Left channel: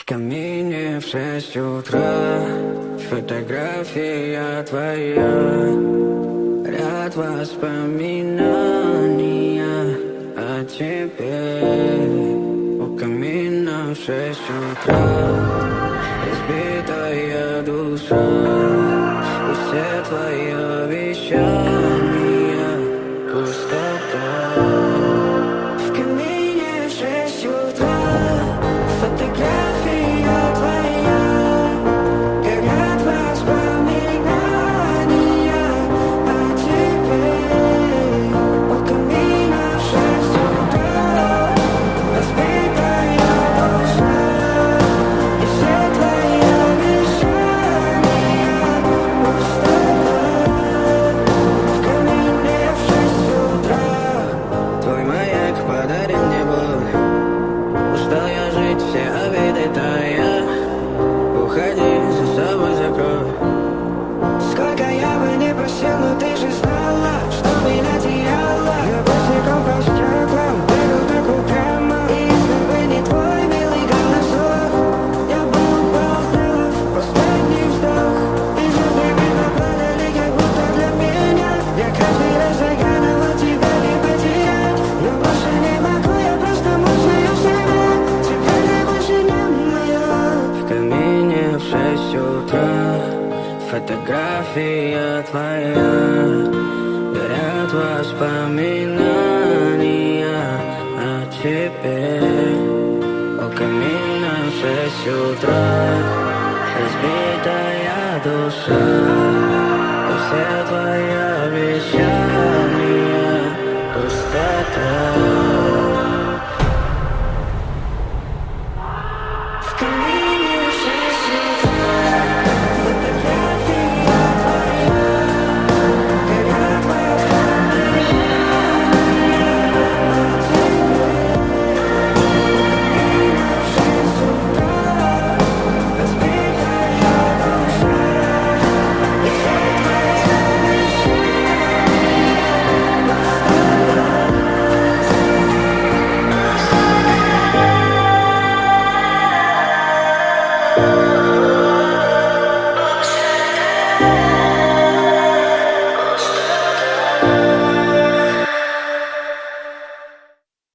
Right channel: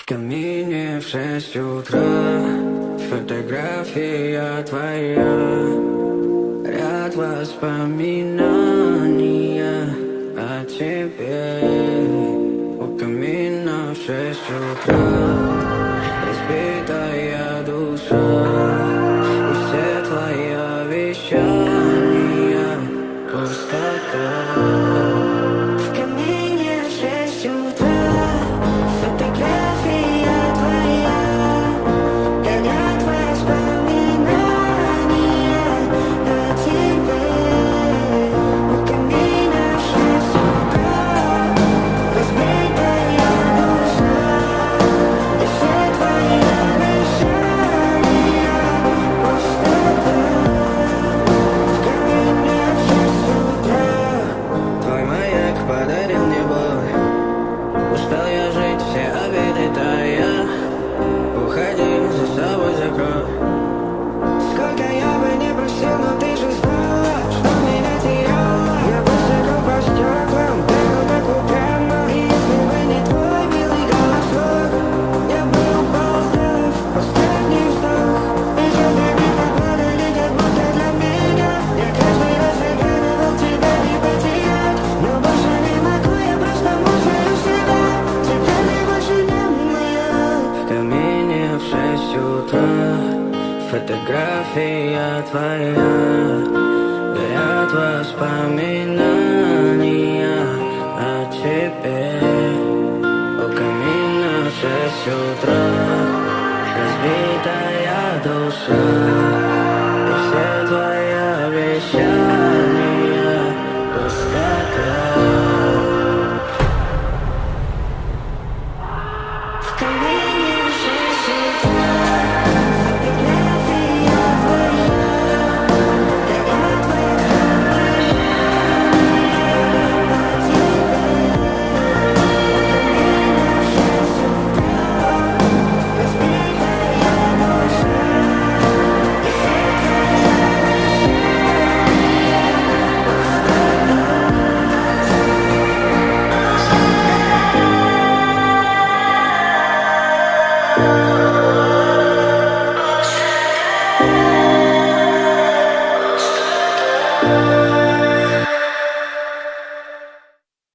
В камине в 6 утра фотография твоя, ряд воспоминаний о тебе. У камина в 6 утра разбитая душа, и все твои обещания пустота. В камине в 6 утра фотография твоя, горят воспоминания о тебе. У камина в 6 утра разбитая душа, и все твои обещания пустота. В камине в 6 утра твой маяк подарил мне боль. Устал я жить, все обиды тая. Уходи, за собой закрой. Сколько я бы не просил, но ты же знала, что меня теряла. Я быстренько по стеклам бегал так упрямо. И если бы не твой милый голосок, я бы упал, сделав последний вздох. И звезды мимо падали, как будто для меня. Я каждый раз загадывал тебя не потерять, но больше не могу, я просто мучаю себя. Теперь ты больше не моя. В камине в 6 утра фотография твоя, горят воспоминания о тебе. У камина в 6 утра разбитая душа, и все твои обещания пустота.